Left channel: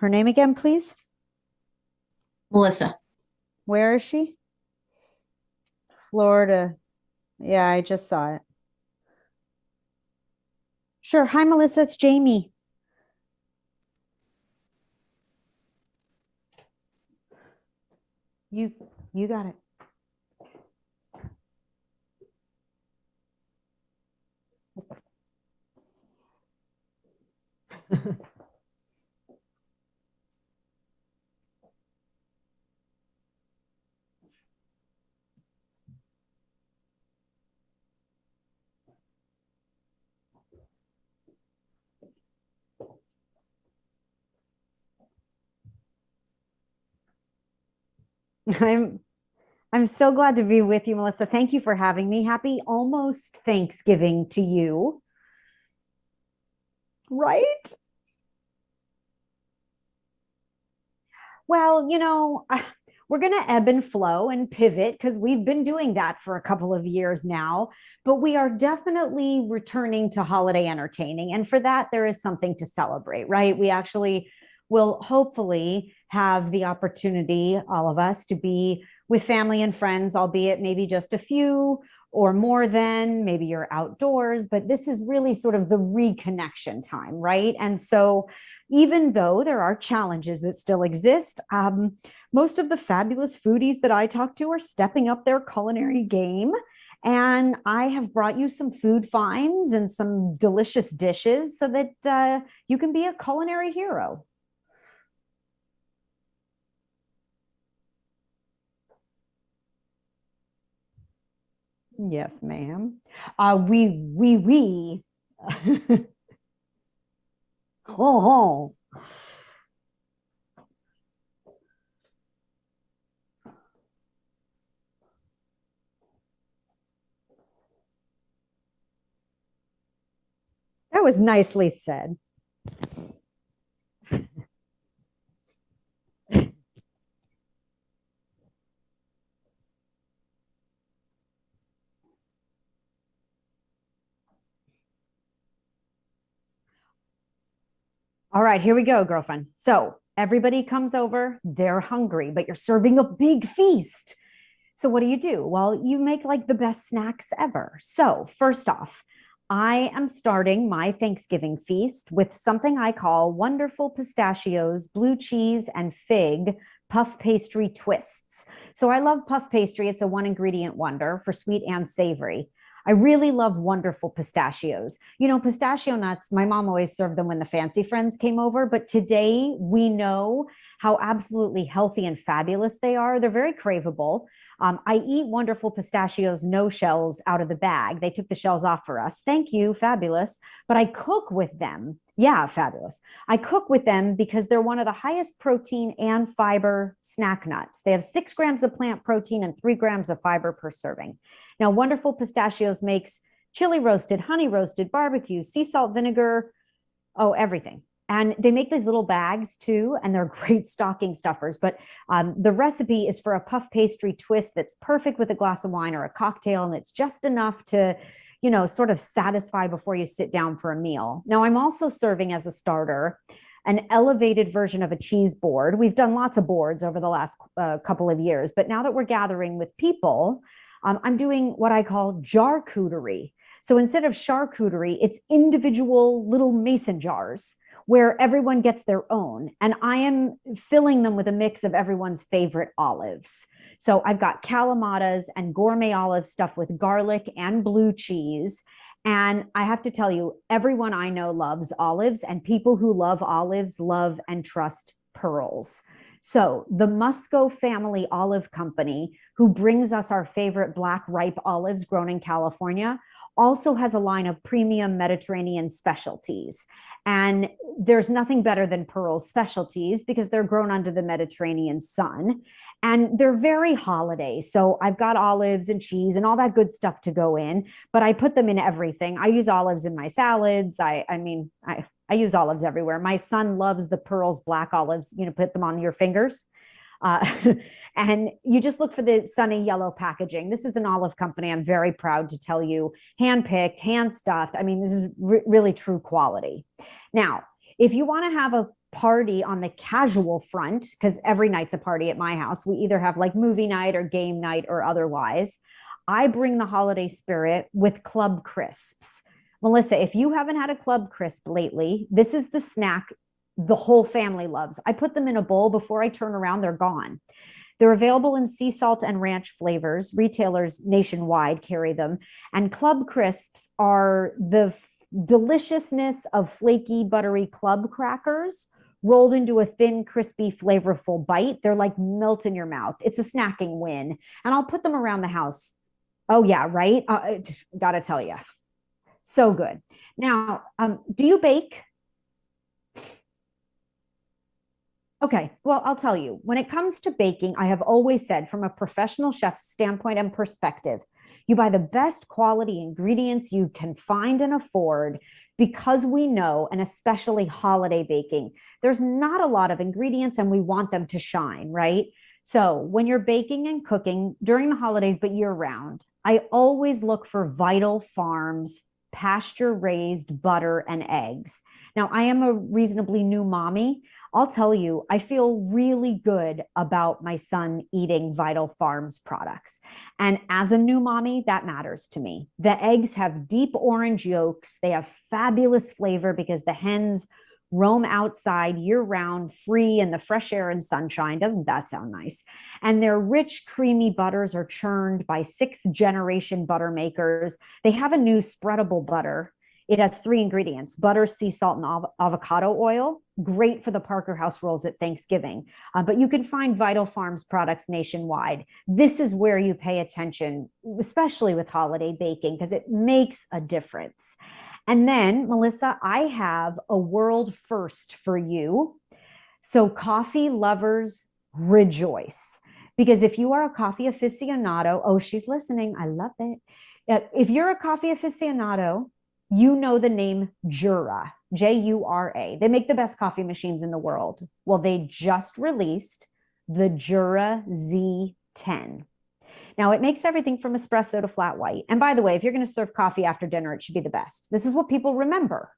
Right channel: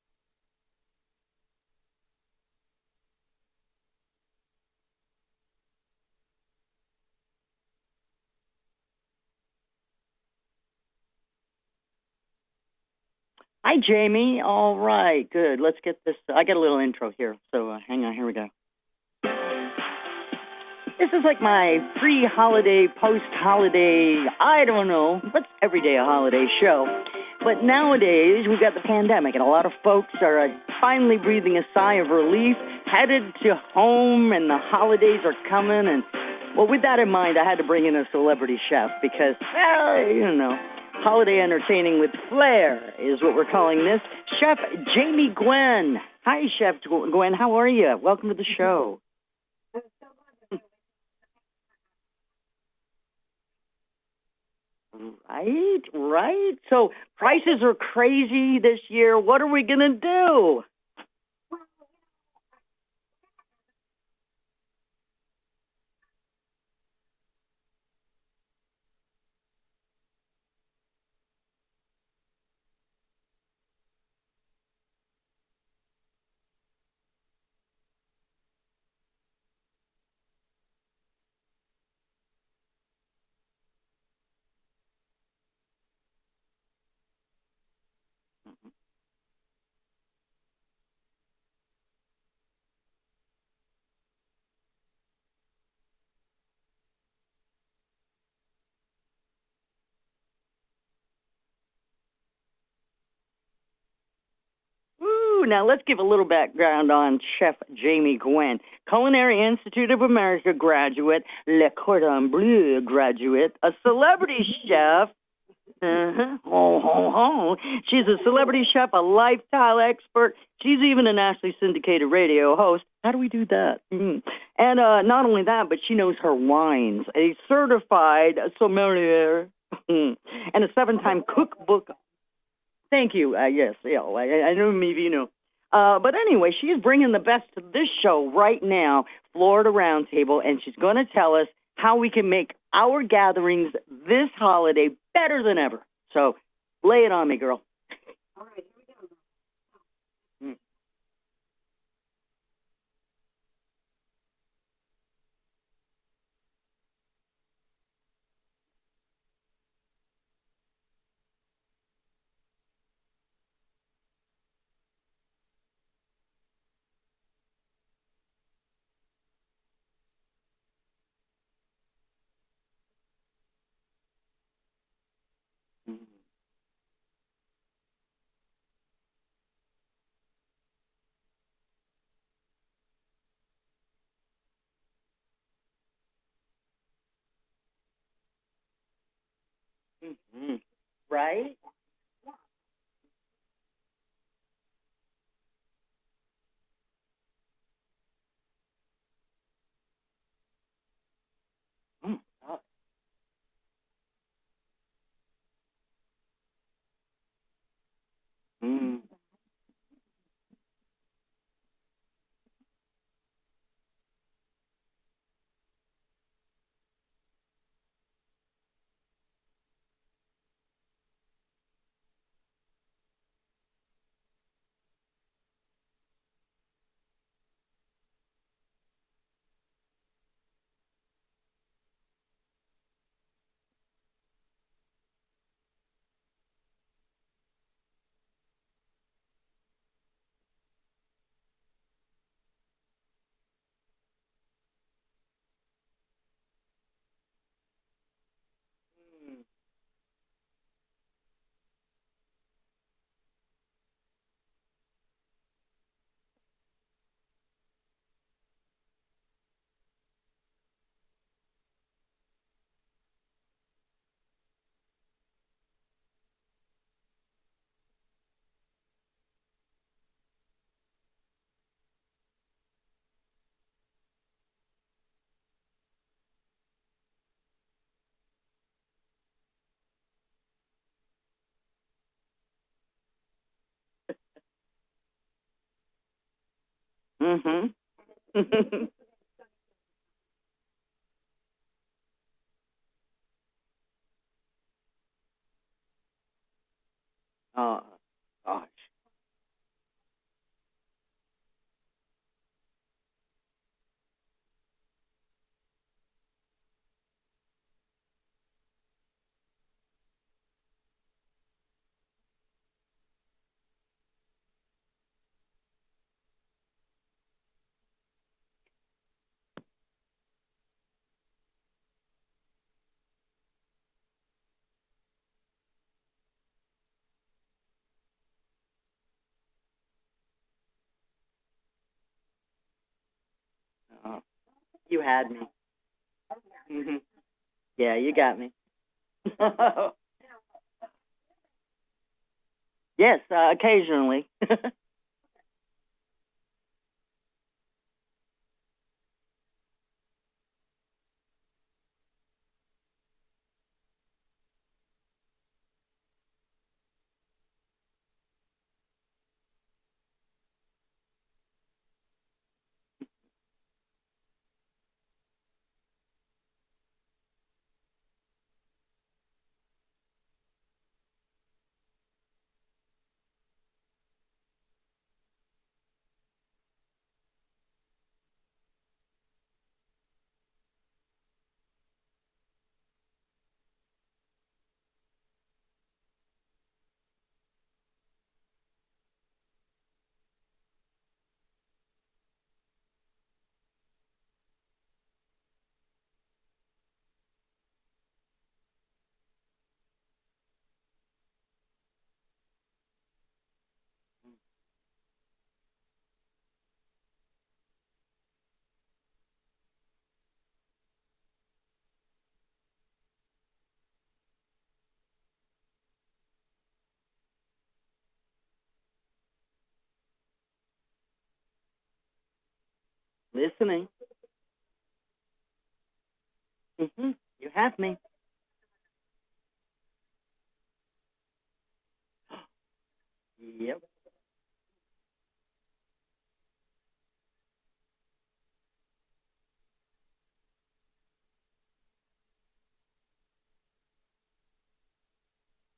Her name again, please? Melissa. Where is she? Florida. Yeah, I just saw it. Sure. Hi, Melissa. It's Jamie. Hi, Jamie. All right, good. Let's get this. I got a little intro here, so hang on. Here we go. You don't. This is like my pre-holiday, post-holiday, I don't know, but every day a holiday show. But nowadays, we've got the pandemic, and a lot of folks are finally breathing a sigh of relief, headed to home, and the holidays are coming. And, well, with that in mind, I had to bring in a celebrity chef because, holiday entertaining with flair is what we're calling this. Chef Jamie Gwen. Hi, Chef Gwen. How are you? Welcome to the show. I'm so glad to be with you, Melissa. Thank you for having me. Happy almost Thanksgiving to you. Right. So prices are crazy this year. What are we going to do? Well, we're going to ebb and flow and pivot because we've been doing that for a couple of years now. But we are definitely returning to holiday entertaining. And for that, there is something to celebrate, right? We actually will hopefully have the opportunity, all of us, to be with family and friends, albeit maybe just a few or more than, maybe you're outdoors, but this is really sort of the reconnection time, right? And so even though there are challenges that still exist, most of the fabulous foodies that I talk to are stepping up their culinary game. And I have brought you some food finds and some delicious dishes so that you can be a culinary hero. Ooh, now let's give a little background on Chef Jamie Gwen. Culinary Institute of America graduate, Le Cordon Bleu graduate, a celebrity chef. She's a celebrity chef, a lifestyle expert. She's even a nationally syndicated radio host. How do we do that? And not only that, but she knows her wines. A certified sommelier and a seven-time That was nicely cookbook. said. Thank you. Yes, I know maybe you know. But anyway, she's bringing the best to this show right now, Florida Roundtable, and she's going to tell us how we can make our gatherings this holiday better than ever. So lay it on me, girl. All right, here we go, girlfriend. So everybody comes over, they're hungry, but you're serving a big feast. So what do? Well, you make like the best snacks ever. So first off, I am starting my Thanksgiving feast with something I call wonderful pistachios, blue cheese, and fig puff pastry twists. So I love puff pastry. It's a one ingredient wonder for sweet and savory. I really love wonderful pistachios. Pistachio nuts, my mom always served them when the fancy friends came over, but today we know how absolutely healthy and fabulous they are. They're very craveable. I eat wonderful pistachios, no shells out of the bag. They took the shells off for us. Thank you, fabulous. But I cook with them. Yeah, fabulous. I cook with them because they're one of the highest protein and fiber snack nuts. They have 6 grams of plant protein and 3 grams of fiber per serving. Now, wonderful pistachios makes chili roasted, honey roasted, barbecue, sea salt vinegar, everything. And they make these little bags too, and they're great stocking stuffers. But the recipe is for a puff pastry twist that's perfect with a glass of wine or a cocktail, and it's just enough to, sort of satisfy before you sit down for a meal. Now, I'm also serving as a starter an elevated version of a cheese board. We've done lots of boards over the last couple of years, but now that we're gathering with people, I'm doing what I call charcuterie. So instead of charcuterie, it's individual little mason jars where everyone gets their own. And I am filling them with a mix of everyone's favorite olives. So I've got calamatas and gourmet olive stuffed with garlic and blue cheese. And I have to tell you, everyone I know loves olives, and people who love olives love and trust pearls. So the Musco Family Olive Company, who brings us our favorite black ripe olives grown in California, also has a line of premium Mediterranean specialties. And there's nothing better than Pearl's specialties because they're grown under the Mediterranean sun. And they're very holiday. So I've got olives and cheese and all that good stuff to go in, but I put them in everything. I use olives in my salads. I use olives everywhere. My son loves the Pearl's black olives, put them on your fingers. And you just look for the sunny yellow packaging. This is an olive company. I'm very proud to tell you, hand-picked, hand-stuffed. I mean, this is really true quality. Now, Oh, if you want to have oh, a party on the casual front, because every night's a party at my house, we either have like movie night or game night or otherwise, I bring the holiday spirit with Club Crisps. Melissa, if you haven't had a Club Crisp lately, this is the snack the whole family loves. I put them in a bowl before I turn around, they're gone. They're available in sea salt and ranch flavors. Retailers nationwide carry them. And Club Crisps are the deliciousness of flaky, buttery club crackers rolled into a thin, crispy, flavorful bite. They're like melt in your mouth. It's a snacking win. oh, And I'll put them you around had the me. house. Oh, yeah, Hmm. right? Yeah, Gotta you tell you. got me. So good. Now, do you bake? Yes, occasionally. Okay, well, I'll tell you, when it comes to baking, I have always said from a professional chef's standpoint and perspective, you buy the best quality ingredients you can find and afford because we know, and especially holiday baking, there's not a lot of ingredients and we want them to shine, right? So when you're baking and cooking during the holidays, but year round, I always look for Vital Farms pasture raised butter and eggs. Now, I am a reasonably new mommy. I'll tell you, I feel really good about my son eating Vital Farms products. And as a new mommy, that matters to me. The eggs have deep orange yolks. They have fabulous flavor because the hens roam outside year round, free in the fresh air and sunshine. Doesn't that sound nice? And their rich, creamy butters are churned by sixth generation butter makers. They have a new spreadable butter. It has three ingredients: butter, sea salt, and avocado oil. Great for the Parker House rolls at Thanksgiving. But you can find Vital Farms products nationwide. This is where you pay attention, especially with holiday baking, because it makes a difference. And then, Melissa, I have a world first for you. So, coffee lovers, rejoice. Because if you are a Listening. coffee aficionado, oh, she's listening. I love it. Hmm. If you're a Has me. coffee aficionado, you know the name Jura, Jura. They make the best coffee Yep. machines in the world. Well, they just released the Jura Z10. Now, it makes everything from espresso to flat white. And by the way, if you're going to serve coffee after dinner, it should be the best. This is what people remember.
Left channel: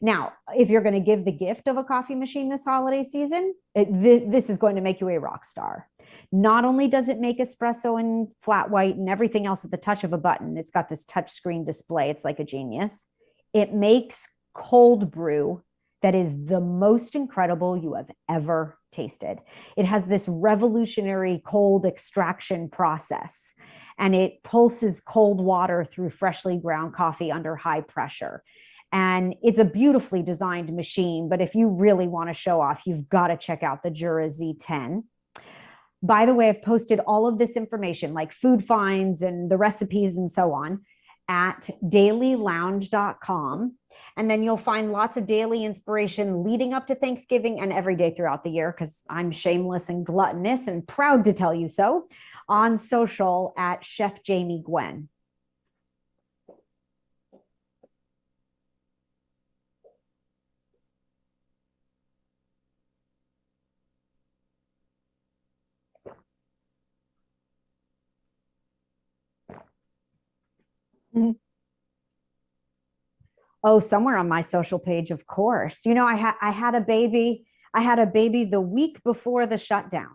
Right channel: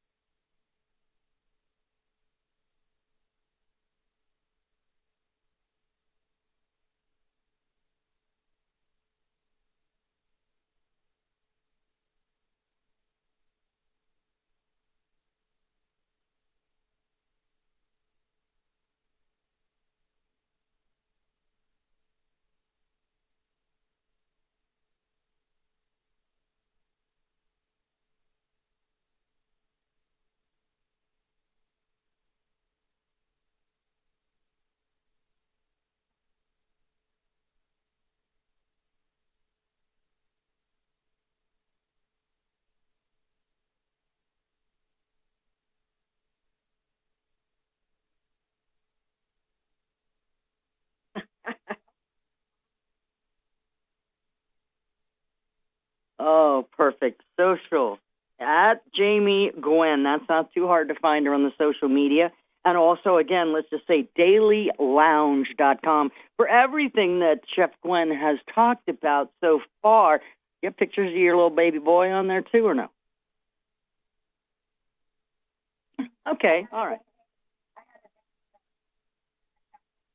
Now, if you're going to give the gift of a coffee machine this holiday season, this is going to make you a rock star. Not only does it make espresso and flat white and everything else at the touch of a button, it's got this touch screen display. It's like a genius. It makes cold brew that is the most incredible you have ever tasted. It has this revolutionary cold extraction process, and it pulses cold water through freshly ground coffee under high pressure. And it's a beautifully designed machine, but if you really want to show off, you've got to check out the Jura Z10. By the way, I've posted all of this information, like food finds and the recipes and so on, at dailylounge.com. And then you'll find lots of daily inspiration leading up to Thanksgiving and every day throughout the year, because I'm shameless and gluttonous and proud to tell you so, on social at Chef Jamie Gwen. Oh, perfect. Social at Jamie Gwen. That's not too hard to find her on the social media. And also, again, let's just say dailylounge.com for everything that Chef Gwen has talked about so far. You have pictures of your little baby boy on there too, or no? Oh, somewhere on my social page, of course. You know, I had a baby. I had a baby the week before the shutdown.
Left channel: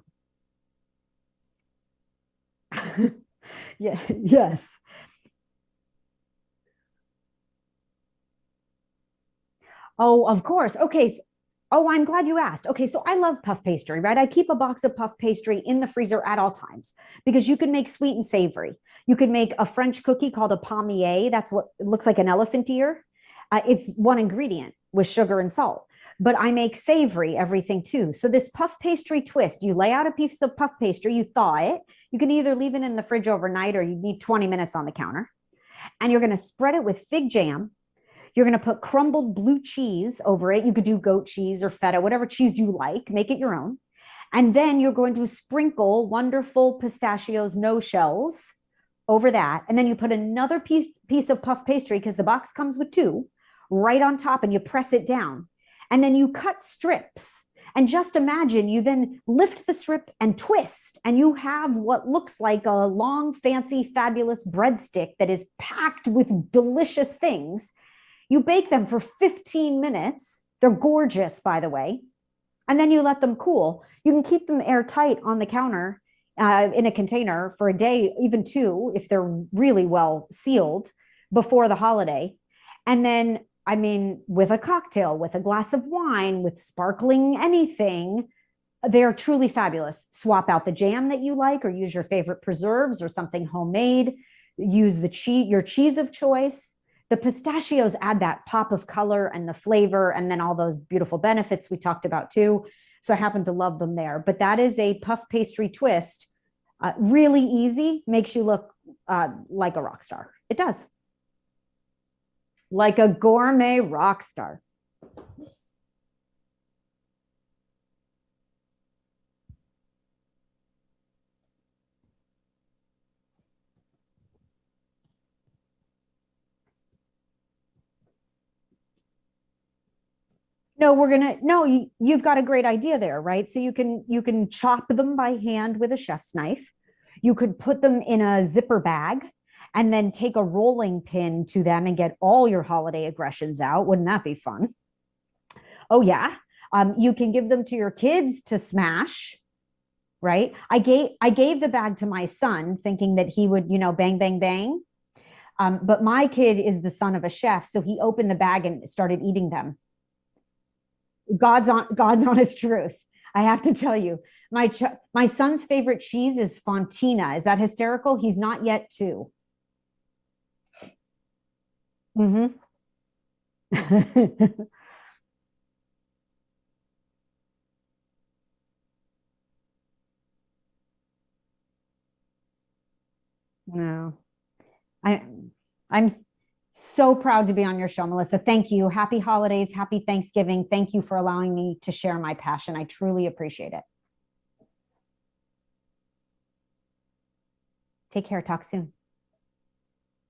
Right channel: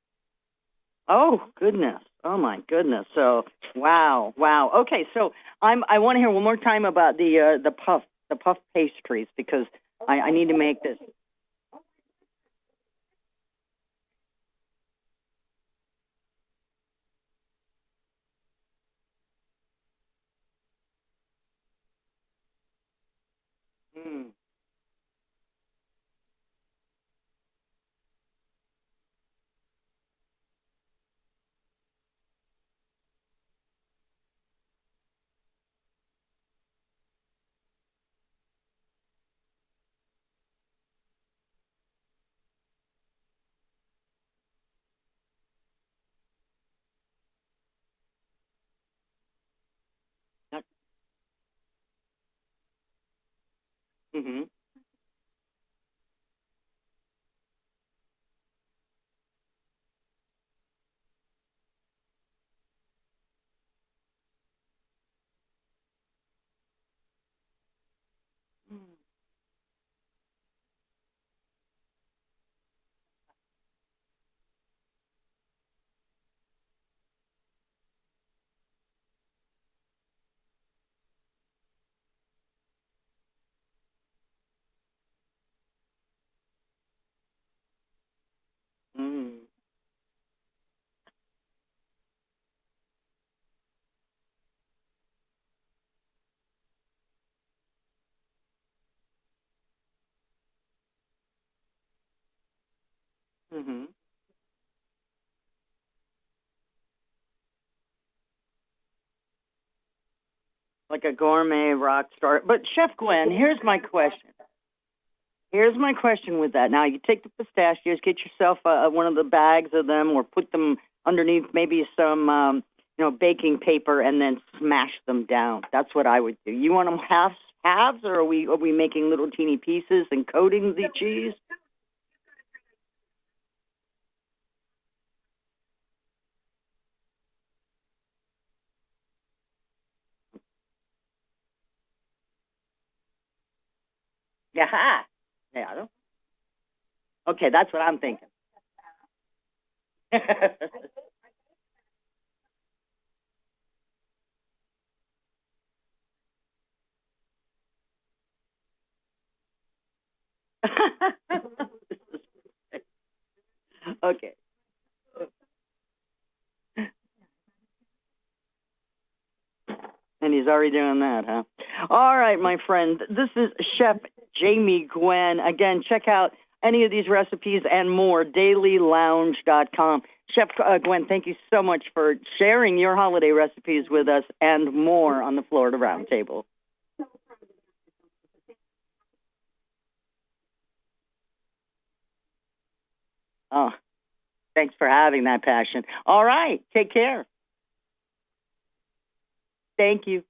Oh, goodness. Oh, my goodness. So, wow. Yes. Wow. Okay, so I want to hear one more time about the puff pastries, because I need to make this. Okay. Oh, I'm glad you asked. Okay, so I love puff pastry, right? I keep a box of puff pastry in the freezer at all times because you can make sweet and savory. You can make a French cookie called a palmier. That's what it looks like, an elephant ear. It's one ingredient with sugar and salt. But I make savory everything too. So this puff pastry twist, you lay out a piece of puff pastry, you thaw it. You can either leave it in the fridge overnight or you need 20 minutes on the counter. And you're going to spread it with fig jam. You're going to put crumbled blue cheese over it. You could do goat cheese or feta, whatever cheese you like, make it your own. And then you're going to sprinkle wonderful pistachios, no shells, over that. And then you put another piece of puff pastry, because the box comes with two, right on top, and you press it down. And then you cut strips. And just imagine you then lift the strip and twist, and you have what looks like a long, fancy, fabulous breadstick that is packed with delicious things. You bake them for 15 minutes, They're gorgeous, by the way. And then you let them cool. You can keep them airtight on the counter in a container for a day, even two, if they're really well sealed before the holiday. And then, I mean, with a cocktail, with a glass of wine, with sparkling anything, they're truly fabulous. Swap out the jam that you like, or use your favorite preserves or something homemade. Use the cheese, your cheese of choice. The pistachios add that pop of color and the flavor, and then all those beautiful benefits we talked about too. So I happen to love them there. But that is a puff pastry twist. Really easy, makes you look like a rock star. It does. Like a gourmet rock star. But Chef Like a Gwen, gourmet rock star. Here's my question with that. Now, you take the pistachios, get yourself one of the bags of them, or put them underneath maybe some, baking paper, and then smash them down. That's what I would do. You want them halves, or are we making little teeny pieces and coating the cheese? You've got a great idea there, right? So you can chop them by hand with a chef's knife. You could put them in a zipper bag and then take a rolling pin to them and get all your holiday aggressions out. Wouldn't that be fun? Yeah. Oh yeah. You can give them to your kids to smash, right? I gave the bag to my son thinking that he would, bang, bang, bang. But my kid is the son of a chef, so he opened the bag and started eating them. God's honest truth. I have to tell you, Okay. My son's favorite cheese is Fontina. Is that hysterical? He's not yet 2. And he's already doing that, huh? All right, my friend. This is Chef Jamie Gwen. Again, check out any of these recipes and more, dailylounge.com. Chef Gwen, thank you so much for sharing your holiday recipes with us and more on the Florida Roundtable. So proud to be on your show, Melissa. Thank you. Happy holidays. Happy Thanksgiving. Thank you for allowing me to share my passion. I truly appreciate it. Thanks for having that passion. All right. Take care. Take care. Talk soon. Thank you.